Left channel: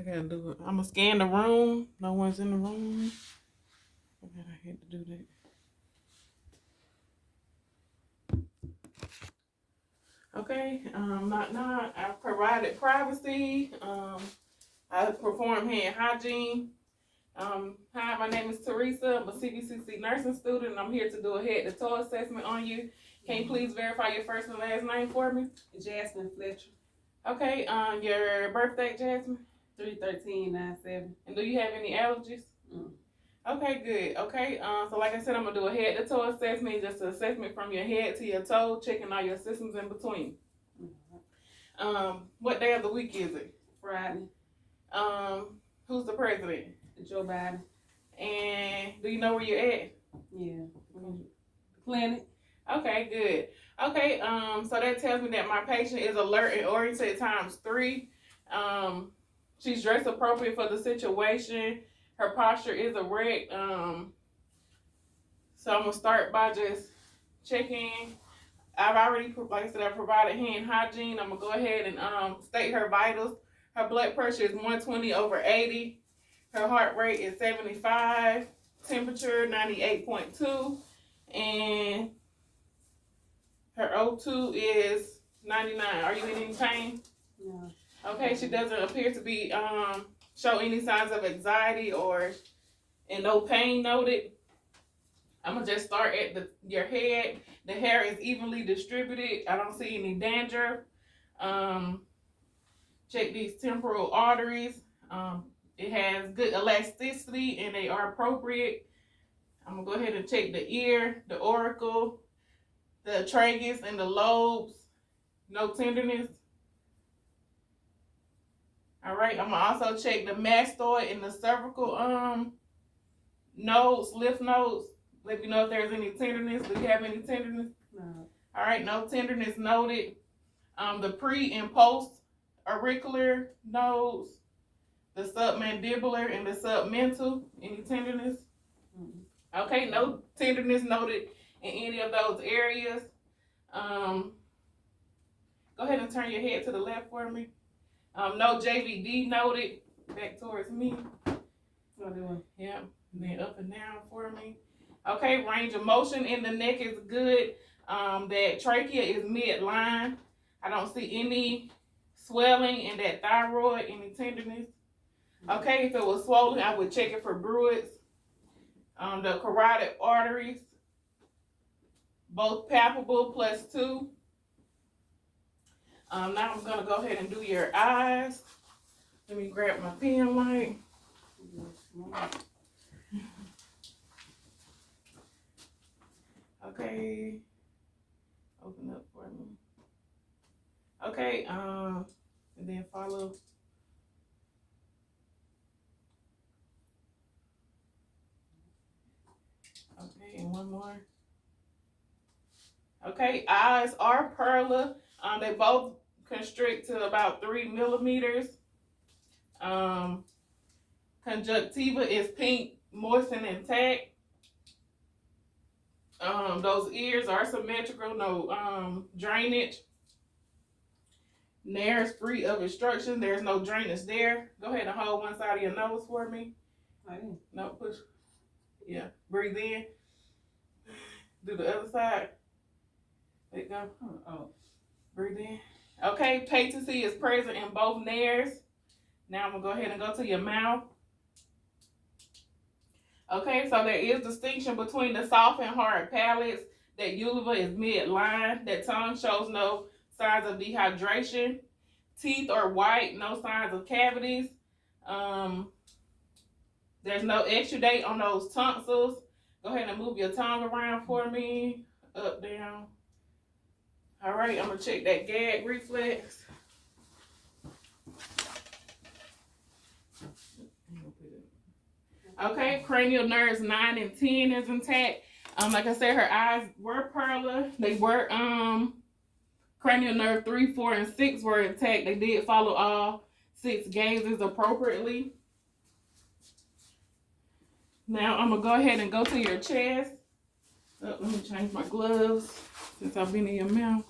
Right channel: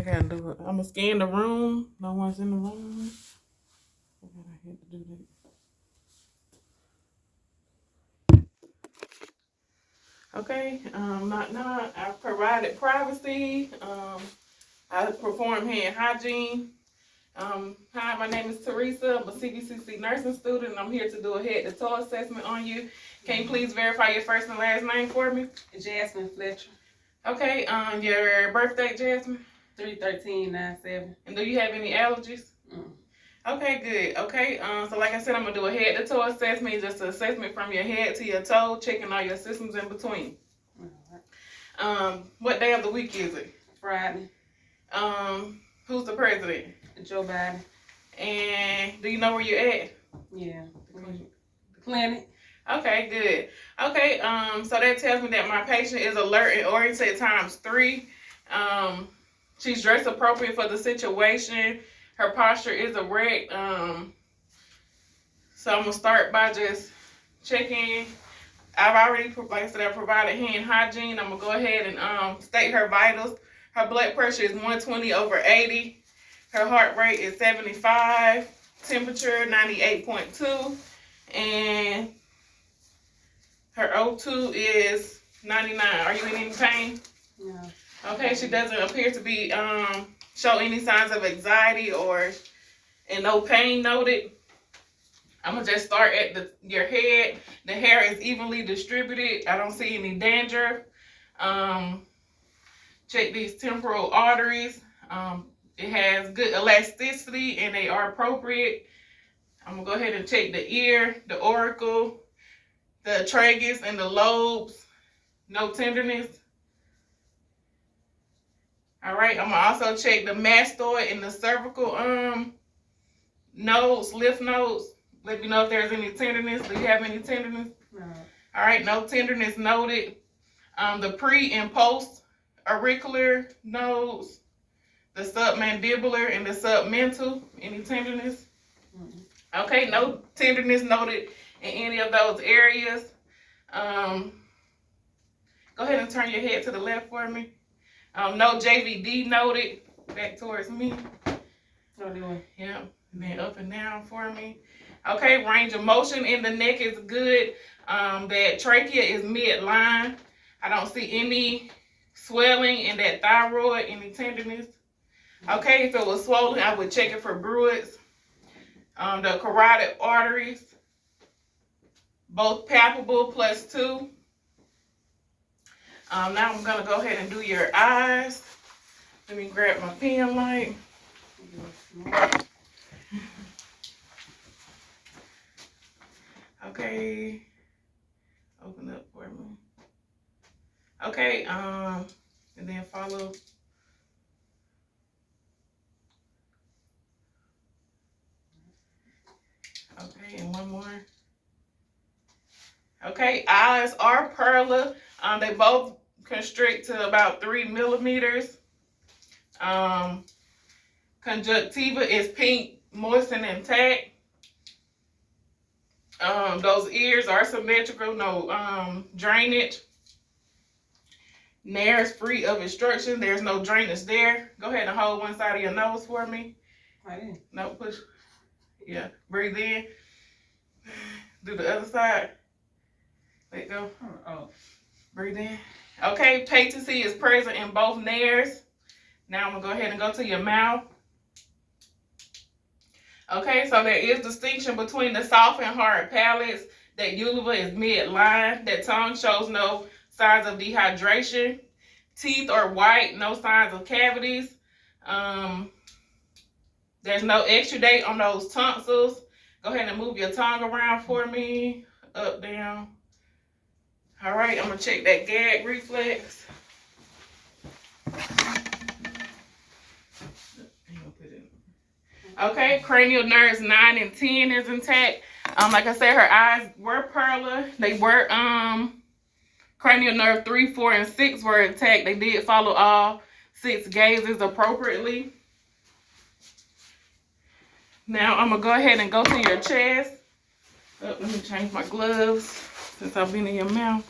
I gotta do it. I'm gonna scan the room. No one's in the room. I hate to do that. Okay. Not. I provided privacy. I perform hand hygiene. Hi, my name is Teresa. I'm a CVCC nursing student, and I'm here to do a head-to-toe assessment on you. Can you please verify your first and last name for me? Jasmine Fletcher. Okay. Your birthday, Jasmine? 3/13/97. And do you have any allergies? Okay, good. Okay, so like I said, I'm gonna do a head-to-toe assessment, just an assessment from your head to your toe, checking all your systems in between. What day of the week is it? Friday. Who's the president? Joe Biden. And do you know where you're at? Yeah, the clinic. Okay, good. Okay, so that tells me that my patient is alert and oriented ×3. She's dressed appropriate for the situation. Her posture is erect. So I'm gonna start by just checking. I've already, like I said, I provided hand hygiene. I'm gonna go ahead and state her vitals. Her blood pressure is 120/80. Her heart rate is 75. Temperature 98.2, and her O2 is 99. Are you in any pain? No. Okay, she doesn't appear to be show any signs of anxiety and no pain noted. I'm gonna just start at your head. The hair is evenly distributed. I don't see any dandruff. Check these temporal arteries. It has good elasticity and they are appropriate. I'm gonna go ahead and check the ear, the auricle, the tragus, and the lobes. No tenderness. All right, I'm gonna also check the mastoid and the cervical nodes, lymph nodes. Let me know if there's any tenderness. Do you have any tenderness? No. All right, no tenderness noted. The pre and post auricular nodes, the submandibular and the submental. Any tenderness? Okay, no tenderness noted in any of those areas. Go ahead and turn your head to the left for me. No JVD noted. Back towards me. Yeah, and then up and down for me. Okay, range of motion in the neck is good. That trachea is midline. I don't see any swelling in that thyroid, any tenderness. Okay, if it was swollen, I would check it for bruits. The carotid arteries, both palpable +2. Now I'm gonna go ahead and do your eyes. Let me grab my pen light. Okay, open up for me. Okay, and then follow. Okay, and one more. Okay, eyes are pearler. They both constrict to about 3 millimeters. Conjunctiva is pink, moist, and intact. Those ears are symmetrical, no drainage. Nares free of obstruction. There's no drainage there. Go ahead and hold one side of your nose for me. No, push. Yeah, breathe in. Do the other side. Let go. Breathe in. Okay, patency is present in both nares. Now I'm gonna go ahead and go to your mouth. Okay, so there is distinction between the soft and hard palates. That uvula is midline. That tongue shows no signs of dehydration. Teeth are white, no signs of cavities. There's no exudate on those tonsils. Go ahead and move your tongue around for me. Up, down. All right, I'm gonna check that gag reflex. Okay, cranial nerves 9 and 10 is intact. Like I said, her eyes were pearler. They were cranial nerve 3, 4, and 6 were intact. They did follow all 6 gazes appropriately. Now I'm gonna go ahead and go to your chest. Oh, let me change my gloves since I've been in your mouth.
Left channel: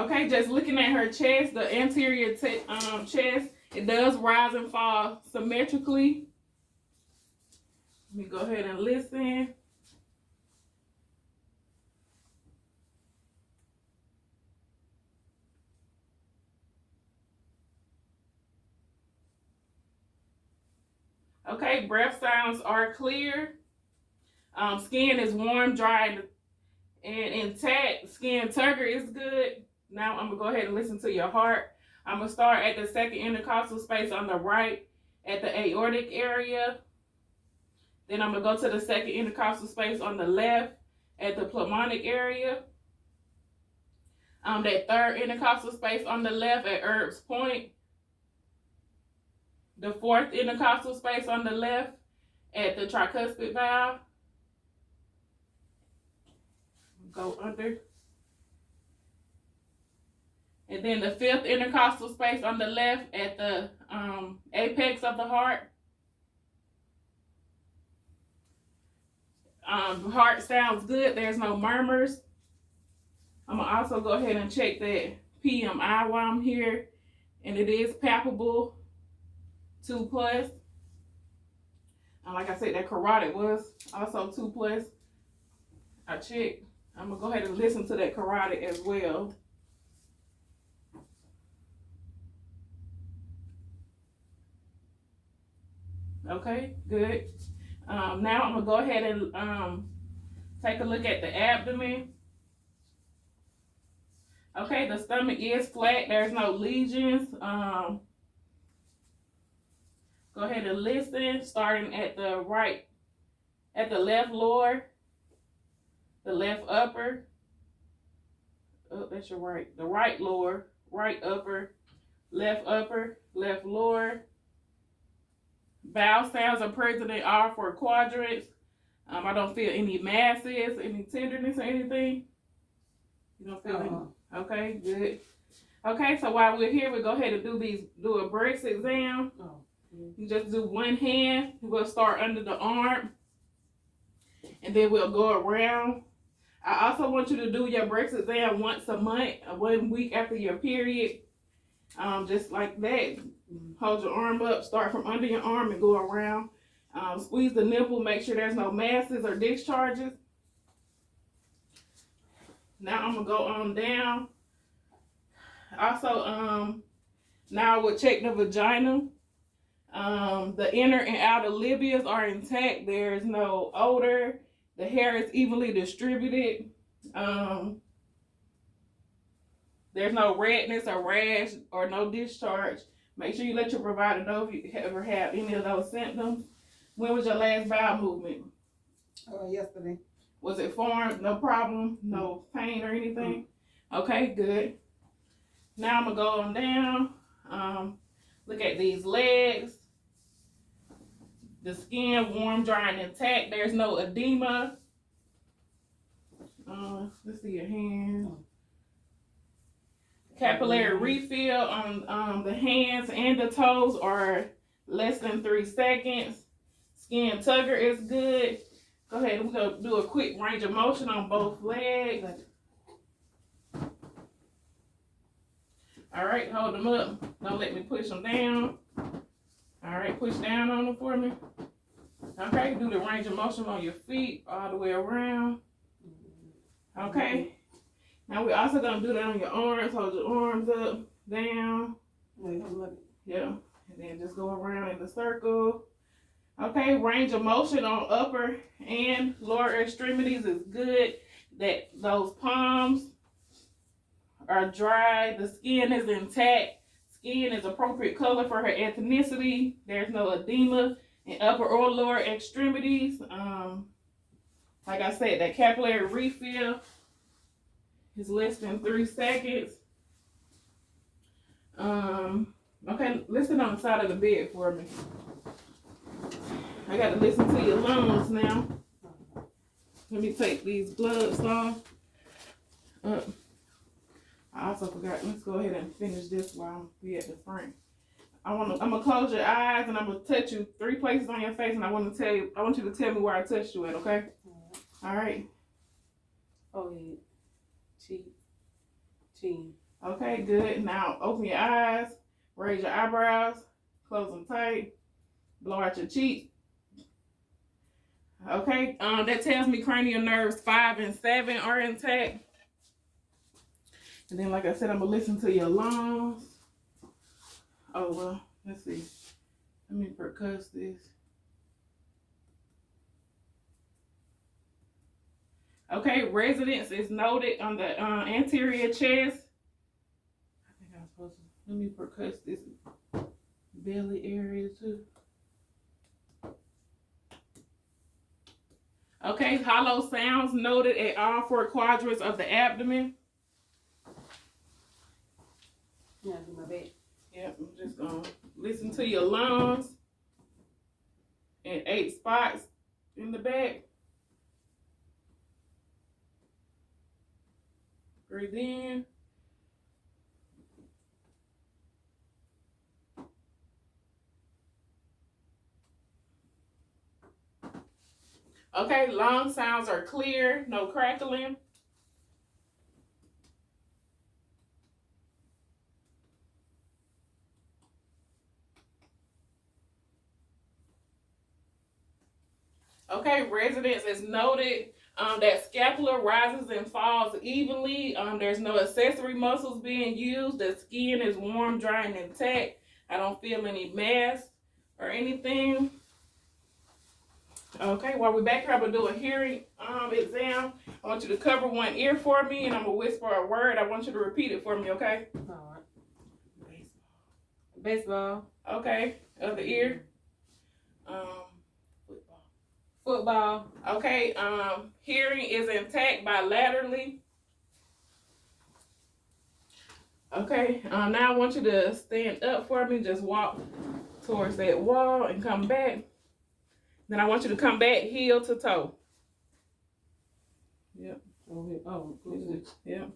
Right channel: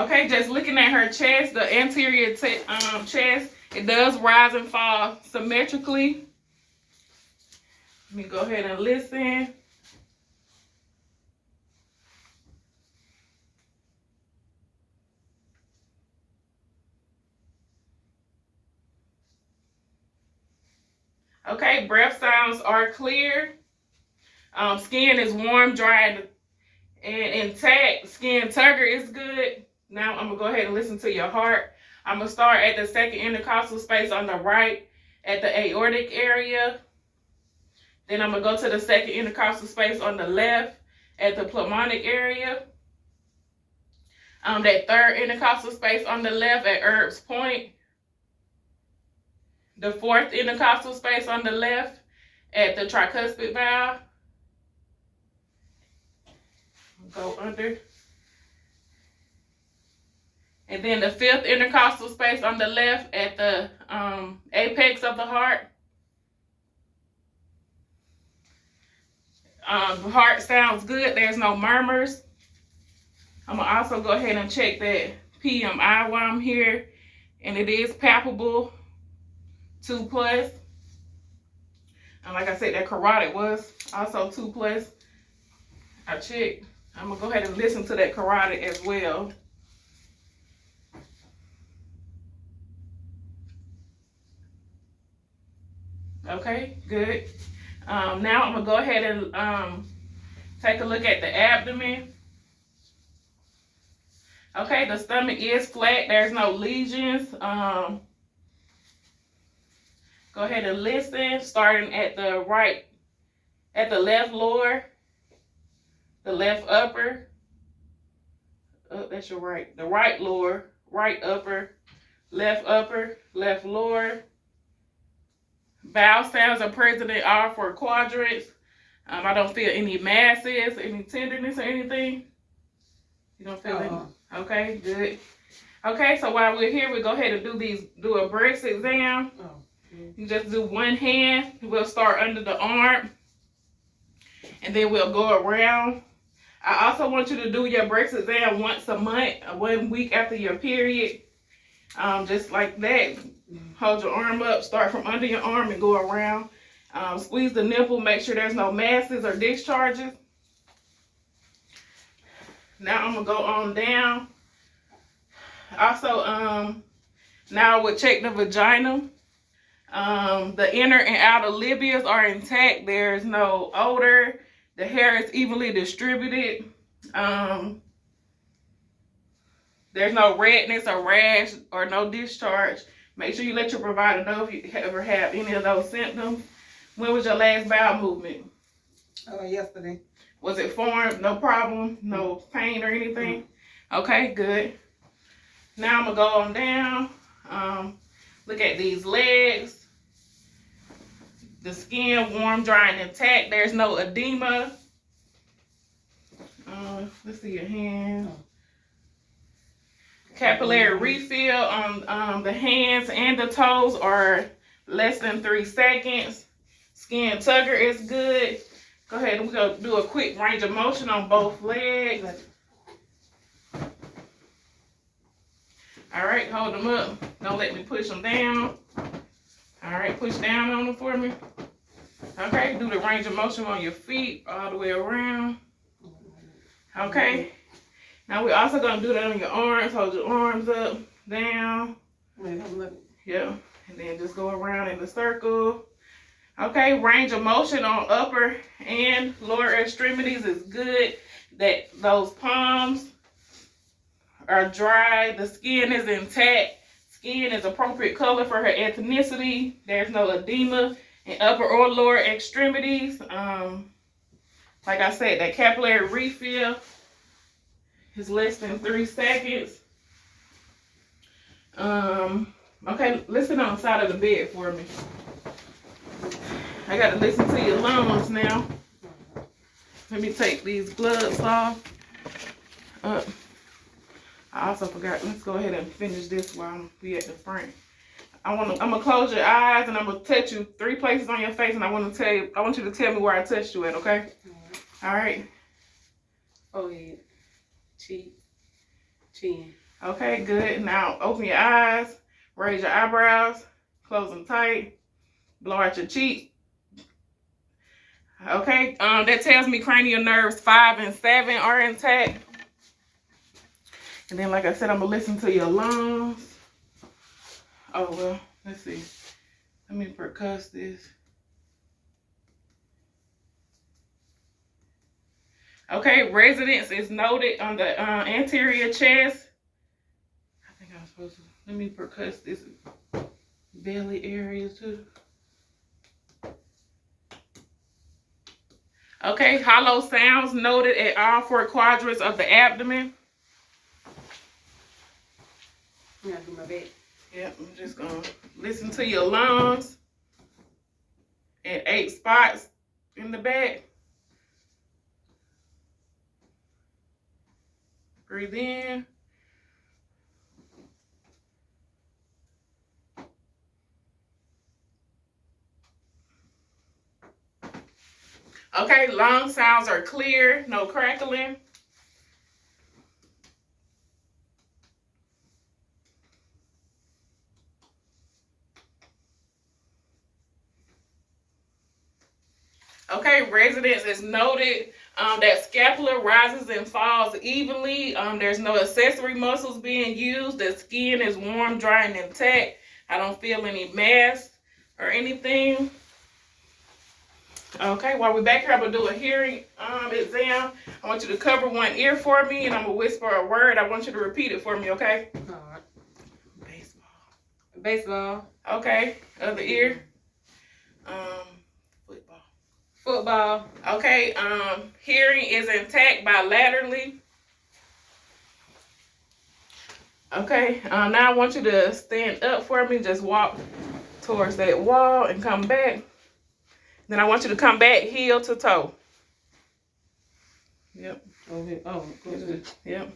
Okay, just looking at her chest, the anterior chest, it does rise and fall symmetrically. Let me go ahead and listen. Okay, breath sounds are clear. Skin is warm, dry, and intact. Skin tugger is good. Now I'm gonna go ahead and listen to your heart. I'm gonna start at the second intercostal space on the right at the aortic area. Then I'm gonna go to the second intercostal space on the left at the pulmonic area. That third intercostal space on the left at Erb's point. The fourth intercostal space on the left at the tricuspid valve. Go under. And then the fifth intercostal space on the left at the apex of the heart. The heart sounds good. There's no murmurs. I'm going to also go ahead and check that PMI while I'm here. And it is palpable, 2+. And like I said, that carotid was also 2+. I checked. I'm going to go ahead and listen to that carotid as well. Okay, good. Now I'm going to go ahead and take a look at the abdomen. Okay, the stomach is flat. There's no lesions. Go ahead and listen, starting at the right, at the left lower, the left upper. Oh, that's your right. The right lower, right upper, left lower. Bowel sounds are present in all 4 quadrants. I don't feel any masses, any tenderness or anything. You don't feel any? Okay, good. Okay, so while we're here, we'll go ahead and do a breast exam. You just do one hand. We'll start under the arm. And then we'll go around. I also want you to do your breast exam once a month, 1 week after your period. Just like that. Hold your arm up, start from under your arm and go around. Squeeze the nipple, make sure there's no masses or discharges. Now I'm gonna go on down. Also, now I would check the vagina. The inner and outer labias are intact. There's no odor. The hair is evenly distributed. There's no redness or rash or no discharge. Make sure you let your provider know if you ever have any of those symptoms. When was your last bowel movement? Yesterday. Was it formed? No problem? No pain or anything? Okay, good. Now I'm going to go on down. Look at these legs. The skin warm, dry, and intact. There's no edema. Let's see your hand. Capillary refill on the hands and the toes are less than 3 seconds. Skin tugger is good. Go ahead and we're going to do a quick range of motion on both legs. All right, hold them up. Don't let me push them down. All right, push down on them for me. Okay, do the range of motion on your feet all the way around. Okay. Now we're also going to do that on your arms. Hold your arms up, down. Yeah, and then just go around in the circle. Okay, range of motion on upper and lower extremities is good. That those palms are dry. The skin is intact. Skin is appropriate color for her ethnicity. There's no edema in upper or lower extremities. Like I said, that capillary refill is less than 3 seconds. Okay, listen on the side of the bed for me. I got to listen to your lungs now. Let me take these gloves off. I also forgot. Let's go ahead and finish this while I'm at the front. I'm gonna close your eyes and I'm gonna touch you 3 places on your face, and I want you to tell me where I touched you at. Okay? All right. Forehead, cheek, chin. Okay, good. Now open your eyes, raise your eyebrows, close them tight, blow out your cheeks. Okay, that tells me cranial nerves 5 and 7 are intact. And then, like I said, I'm gonna listen to your lungs. Oh well, let's see. Let me percuss this. Okay, resonance is noted on the anterior chest. I think I'm supposed to, let me percuss this belly area too. Okay, hollow sounds noted at all 4 quadrants of the abdomen. Yeah, do my bed. Yep, I'm just gonna listen to your lungs at 8 spots in the back. Breathe in. Okay, lung sounds are clear, no crackling. Okay, resonance is noted. That scapula rises and falls evenly. There's no accessory muscles being used. The skin is warm, dry, and intact. I don't feel any mass or anything. Okay, while we're back here, I'm gonna do a hearing exam. I want you to cover one ear for me, and I'm gonna whisper a word. I want you to repeat it for me, okay? All right. Baseball. Baseball. Okay, other ear. Football. Football. Okay, hearing is intact bilaterally. Okay, now I want you to stand up for me. Just walk towards that wall and come back. Then I want you to come back heel to toe. Yep. Oh, good. Yep.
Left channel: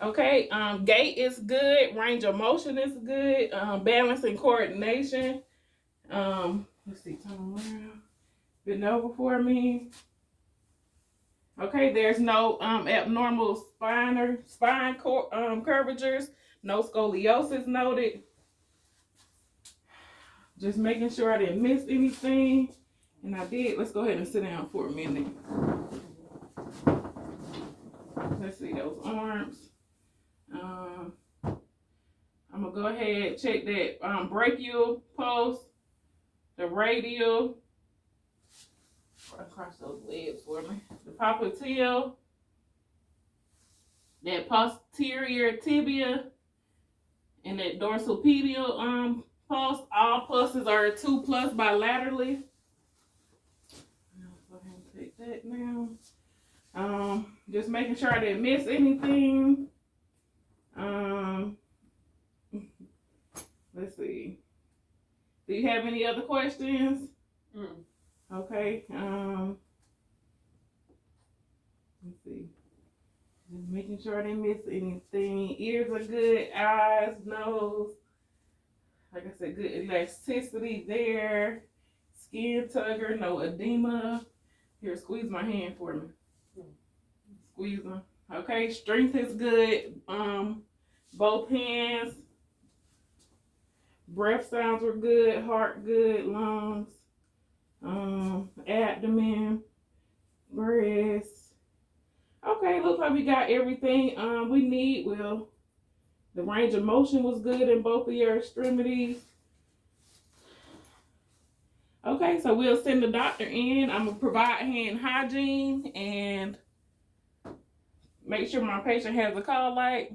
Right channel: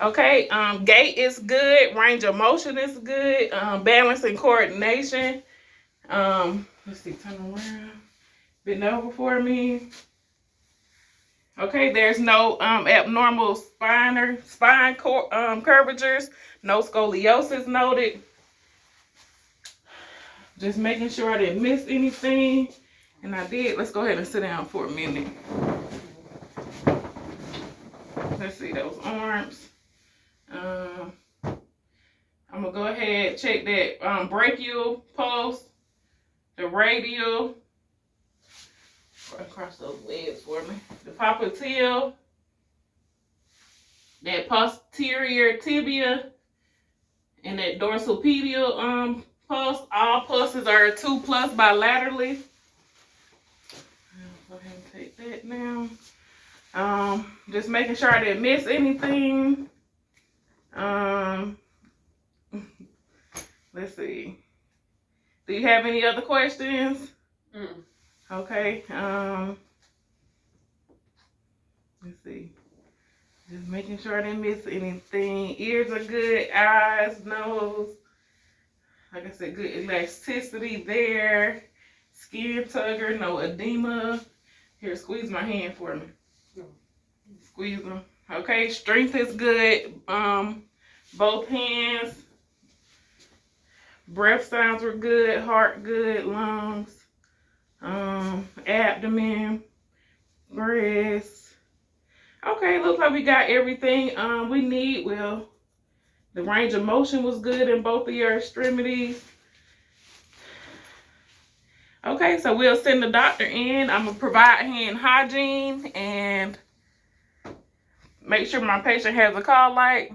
Okay, gait is good. Range of motion is good. Balance and coordination. Let's see, turn around. Bend over for me. Okay, there's no abnormal spine curvatures. No scoliosis noted. Just making sure I didn't miss anything. And I did. Let's go ahead and sit down for a minute. Let's see those arms. I'm going to go ahead and check that brachial pulse, the radial. Across those legs for me. The popliteal, that posterior tibia, and that dorsal pedial pulse. All pulses are 2+ bilaterally. I'll go ahead and take that now. Just making sure I didn't miss anything. Let's see. Do you have any other questions? Okay. Let's see. Just making sure I didn't miss anything. Ears are good. Eyes, nose. Like I said, good elasticity there. Skin tugger, no edema. Here, squeeze my hand for me. Squeeze them. Okay, strength is good. Both hands. Breath sounds were good. Heart good. Lungs. Abdomen. Breast. Okay, looks like we got everything we need. Well, the range of motion was good in both of your extremities. Okay, so we'll send the doctor in. I'm going to provide hand hygiene and make sure my patient has a call light.